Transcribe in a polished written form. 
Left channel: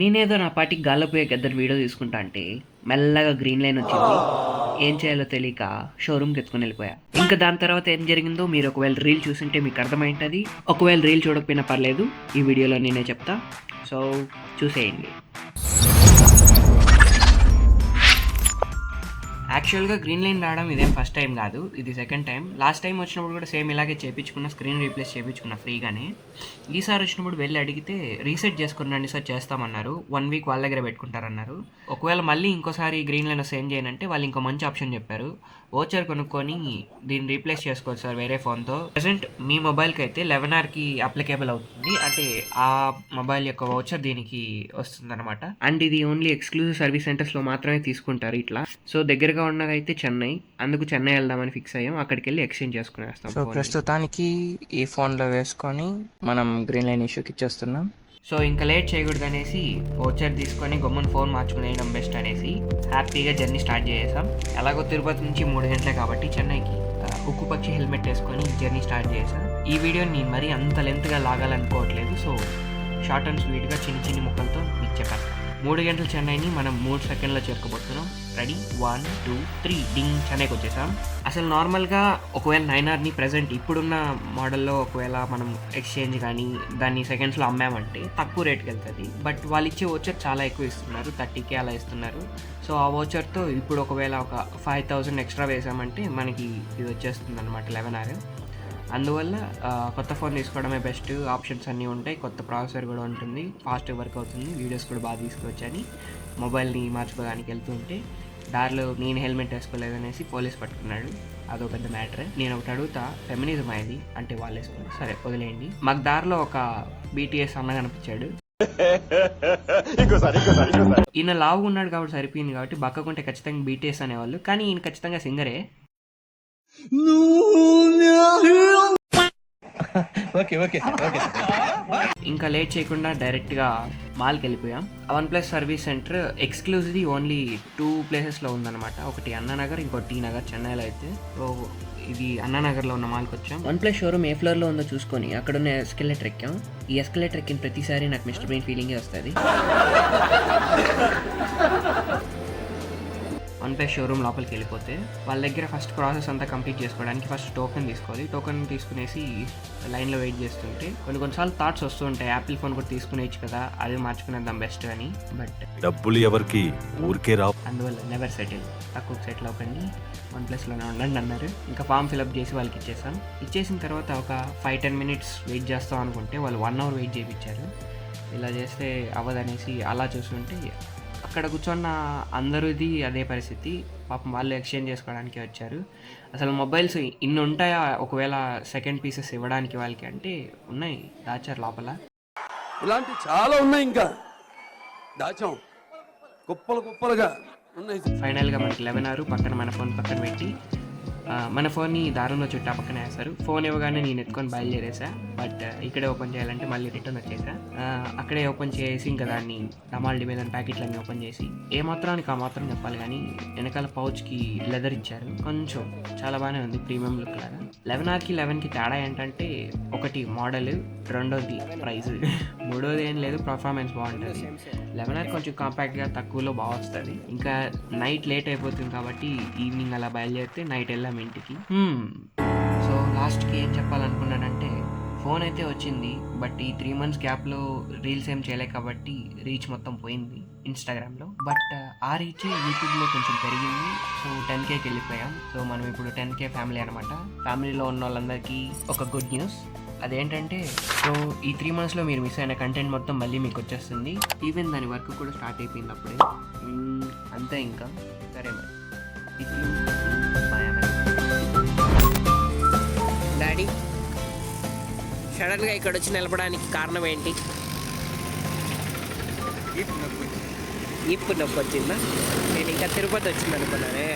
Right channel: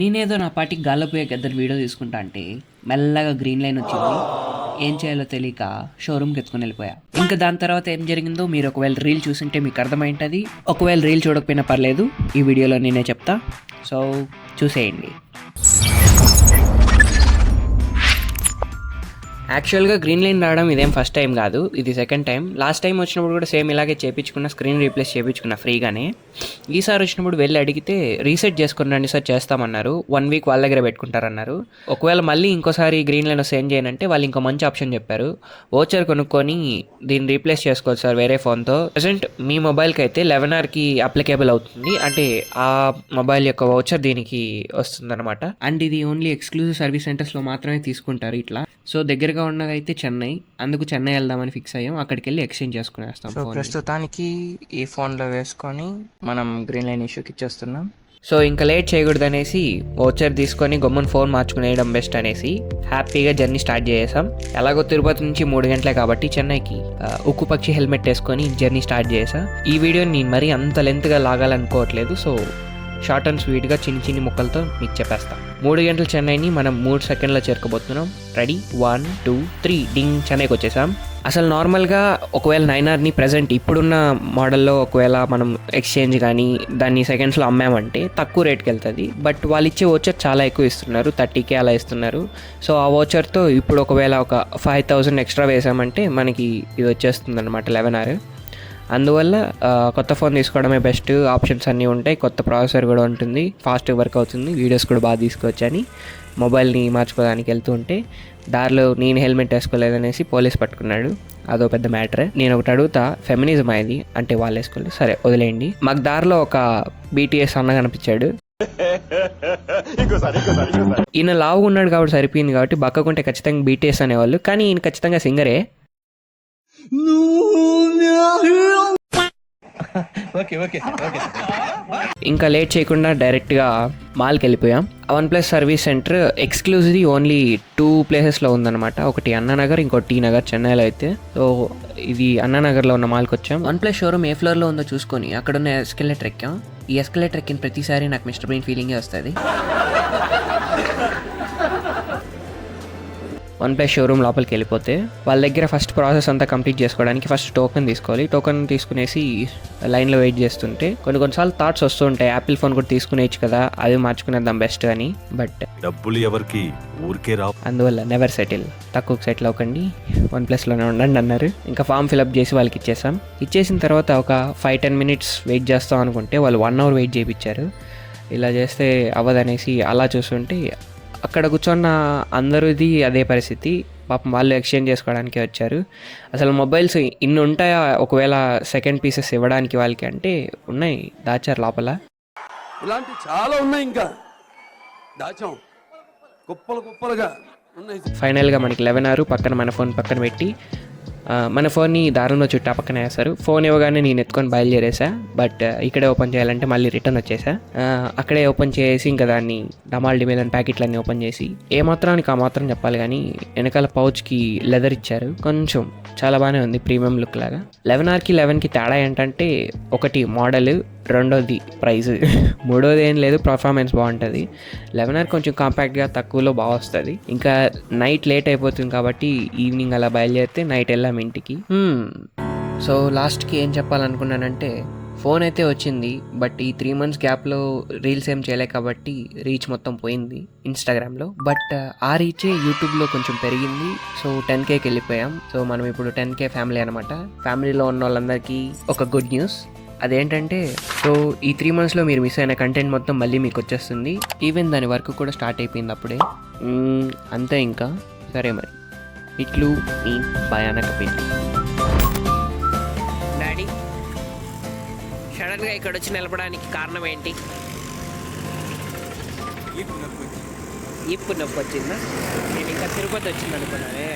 నేనేదో నా పాటికి గాల్లో పోయే గద్దరు వీడియో తీసుకుంటా అంటే మెల్లగా గ్రీన్ లైన్ వచ్చింది. ఏం చేయాలో తెలియక షోరూమ్కి ఎత్తుకొని వెళ్ళిపోయా. ఇంకా దాని తర్వాత ఏం జరిగిందో మీరు ఒకవేళ రీల్ చూస్తుంటే మీకు అర్థమైంటుంది. ఒకవేళ రీల్ చూడకపోయినా పర్లేదు, ఈ వీడియోలో నేనే చెప్తా. సో చూసేయండి. యాక్చువల్గా గ్రీన్ లైన్ రావడం ఇదేం ఫస్ట్ టైం కాదు, ఇది సెకండ్ టైం. లాస్ట్ టైం వచ్చినప్పుడు కూడా సేమ్ ఇలాగే చేయించుకున్న, స్క్రీన్ రీప్లేస్ చేయించుకున్న ఫ్రీగానే. ఈసారి వచ్చినప్పుడు వెళ్ళి అడిగితే రీసెట్ చేసుకున్నాండి సార్ చేస్తామన్నారు. 1 వీక్ వాళ్ళ దగ్గర పెట్టుకుంటారన్నారు. ఒకవేళ మళ్ళీ ఇంకోసారి గ్రీన్ లైన్ వస్తే ఏం చేయనంటే వాళ్ళు ఇంకో మంచి ఆప్షన్ చెప్పారు. వోచర్ కొనుక్కొని దీన్ని రీప్లేస్ చేసుకోవచ్చు సార్ వేరే ఫోన్తో. ప్రజెంట్ మీ మొబైల్కి అయితే 11Rకి అప్లికేబుల్ అవుతుంది, అంటే ఆ మొబైల్ యొక్క వోచర్ దీనికి వస్తుందన్నమాట. అండ్ ఇది ఓన్లీ ఎక్స్క్లూజివ్ సర్వీస్ సెంటర్స్లో మాత్రమే తీసుకుంటారు ఇట్లా. సో దగ్గరగా ఉన్నదైతే చెన్నై, అందుకు చెన్నై వెళ్దామని ఫిక్స్ అయ్యాం. అక్కడికి వెళ్ళి ఎక్స్చేంజ్ చేసుకునేస్తాం. సో ప్రస్తుతానికి ఈ ఫోన్లో వేసుకొని మనం గ్రీన్ లైన్ ఇష్యూకి ఇచ్చేస్తున్నాం. సో ఇంకా లేట్ చేయకూడదు అనేసి వోచర్ తీసుకొని గమ్మున ఫోన్ మార్చుకునేయడం బెస్ట్ అనేసి హ్యాపీగా జర్నీ స్టార్ట్ చేసాం. ఎలాగో తిరుపతి నుంచి 3 గంటలే కాబట్టి చెన్నైకి ఉక్కు పక్షి హెల్మెట్ వేసుకొని జర్నీ స్టార్ట్ చేసా. ఈ వీడియోని మరీ అంత లెంత్గా లాగాలనుకోవట్లేదు. సో షార్ట్ అండ్ స్వీట్గా చిన్ని ముక్కలతో మీకు చెప్పేస్తాం. 3 గంటల చెన్నైని మనం 3 సెకండ్లో చేరుకోబోతున్నాం. రెడీ, 1 2 3 డింగ్, చెన్నైకి వచ్చేసాం. అసలు నార్మల్గా ఒకవేళ 9Rని ప్రజెంట్ ఇప్పుడున్న మోడల్లో ఒకవేళ మనం ఎక్స్చేంజ్ కానీ దాన్ని సెకండ్స్లో అమ్మామంటే తక్కువ రేట్కి వెళ్తుంది. బట్ వాళ్ళు ఇచ్చే వోచర్ చాలా ఎక్కువ ఇస్తున్నారు, 30K అలా ఇస్తున్నారు. సో ఆ వోచర్తో ఇప్పుడు ఒకవేళ ఒక 5,000 ఎక్స్ట్రా వేసామంటే మనకి ఇది వచ్చేస్తుంది అనమాట 11R. అందువల్ల కొత్త ఫోన్ తీసుకోవడమే బెస్ట్. ఆప్షన్స్ అన్నీ ఉంటాయి, కొత్త ప్రాసెసర్ కూడా ఉంటుంది, ఫాస్ట్గా వర్క్ అవుతుంది, వీడియోస్ కూడా బాగా తీసుకోవచ్చని మొబైల్ని మార్చుకోవడానికి వెళ్తూ ఉంటే దారిలో నేను హెల్మెట్ వేసుకోలేదనేసి పోలీస్ పట్టుకున్నాడు. అదో పెద్ద మ్యాటర్. నేను ఒకటి అడుగుతా, ఫెమినిజం అయింది అంటే వాళ్ళు వేసుకోలేదు, సరే వదిలేయండి. మాకు దారిలో ఒక BTS అన్న కనిపించాడు. ఈయన లావుగా ఉన్నాడు కాబట్టి సరిపోయింది, కాబట్టి బక్కకుంటే ఖచ్చితంగా BTS అనేవాళ్ళు, కానీ ఈయన ఖచ్చితంగా సింగరే. ఇంకా లేట్ చేయకుండా డైరెక్ట్గా మాల్కి వెళ్ళిపోయాం. OnePlus service centre exclusively only 2 ప్లేసెస్లో ఉందన్నమాట. ఒకటి అన్నానగర్, ఇంకోటి T నగర్ చెన్నైలో అయితే. సో ఇది అన్నానగర్లో ఉన్న మాల్కి వచ్చాం. OnePlus షోరూమ్ ఏ ఫ్లోర్లో ఉందో చూసుకొని అక్కడ ఉన్న ఎస్కలేటర్ ఎక్కాం. ఈ ఎస్కలేటర్ ఎక్కిన ప్రతిసారి నాకు మిస్టర్ బ్రెయిన్ ఫీలింగే వస్తుంది. OnePlus షోరూమ్ లోపలికి వెళ్ళిపోతే వాళ్ళ దగ్గర ఫస్ట్ ప్రాసెస్ అంతా కంప్లీట్ చేసుకోవడానికి ఫస్ట్ టోకెన్ తీసుకోవాలి. టోకెన్ తీసుకునేసి లైన్లో వెయిట్ చేస్తుంటే కొన్నిసార్లు థాట్స్ వస్తూ ఉంటాయి, యాపిల్ ఫోన్ కూడా తీసుకునేచ్చు కదా, అది మార్చుకునేద్దాం బెస్ట్ అని. బట్ డబ్బులు ఎవరికి ఊరికే రావు, అందువల్ల నెవర్ సెటిల్, తక్కువకి సెటిల్ అవ్వకండి, OnePlusలోనే ఉండండి అన్నారు. ఇంకా ఫామ్ ఫిల్అప్ చేసి వాళ్ళకి ఇచ్చేసాం. ఇచ్చేసిన తర్వాత ఒక 5-10 మినిట్స్ వెయిట్ చేస్తాం అనుకుంటే వాళ్ళు 1 అవర్ వెయిట్ చేయించారు. ఇలా చేస్తే అవ్వదనేసి అలా చూస్తుంటే అక్కడ కూర్చున్న అందరిది అదే పరిస్థితి. పాపం వాళ్ళు ఎక్స్చేంజ్ చేసుకోవడానికి వచ్చారు. అసలు మొబైల్స్ ఇన్ని ఉంటాయా ఒకవేళ సెకండ్ పీసెస్ ఇవ్వడానికి వాళ్ళకి అంటే? ఉన్నాయి, దాచారు లోపల. ఇలాంటి చాలా ఉన్నాయి, ఇంకా దాచాం కుప్పలుగా ఉన్నాయి. ఫైనల్గా మనకి 11R పక్కన మన ఫోన్ పక్కన పెట్టి మన ఫోన్ని దారుణంలో చుట్టా పక్కన వేస్తారు. ఫోన్ ఇవ్వగానే నేను ఎత్తుకొని బయలుదేరేసా. బట్ ఇక్కడే ఓపెన్ చేయాలంటే మళ్ళీ రిటర్న్ వచ్చేసా. అక్కడే ఓపెన్ చేసి ఇంకా దాన్ని డమాల్డి మీద ప్యాకెట్లన్నీ ఓపెన్ చేసి ఏ మాత్రానికి ఆ మాత్రం చెప్పాలి కానీ వెనకాల పౌచ్కి లెదర్ ఇచ్చారు. కొంచెం చాలా బాగానే ఉంది, ప్రీమియం లుక్ లాగా. 11Rకి 11కి తేడా ఏంటంటే ఒకటి మోడల్, రెండోది ప్రైజ్, మూడోది ఏం లేదు, పర్ఫార్మెన్స్ బాగుంటుంది. 11R కొంచెం కాంపాక్ట్గా తక్కువలో బాగా వస్తుంది. ఇంకా నైట్ లేట్ అయిపోతుంది కాబట్టి ఈవినింగ్ అలా బయలుదేరితే నైట్ వెళ్ళాం ఇంటికి. సో లాస్ట్కి ఏం చెప్పాలనుకున్నానంటే ఫోన్ అయితే వచ్చింది, బట్ ఈ 3 months గ్యాప్లో రీల్స్ ఏం చేయలే కాబట్టి రీచ్ మొత్తం పోయింది ఇన్స్టాగ్రామ్లో. బట్ ఆ రీచే యూట్యూబ్లో కొంచెం పెరిగింది. సో 10Kకి వెళ్ళిపోయాం. సో మనం ఇప్పుడు 10K ఫ్యామిలీ అనమాట. ఫ్యామిలీలో ఉన్న వాళ్ళందరికీ ఒక గుడ్ న్యూస్. అదేంటంటే సో ఈ 3 monthsలో మీరు మిస్ అయిన కంటెంట్ మొత్తం మళ్ళీ మీకు వచ్చేస్తుంది. ఈవెన్ దాని వర్క్ కూడా స్టార్ట్ అయిపోయింది అప్పుడే. అంతే ఇంకా. సరే మరి ఇట్లు మీ భయానక పెయింట్. డాడీ సడన్గా ఇక్కడ వచ్చి నిలబడడానికి కారణం ఏంటి? ఈపు నొప్పి వచ్చిందా? నేను ఇంకా తిరుపతి వచ్చింది అనుకున్నానే.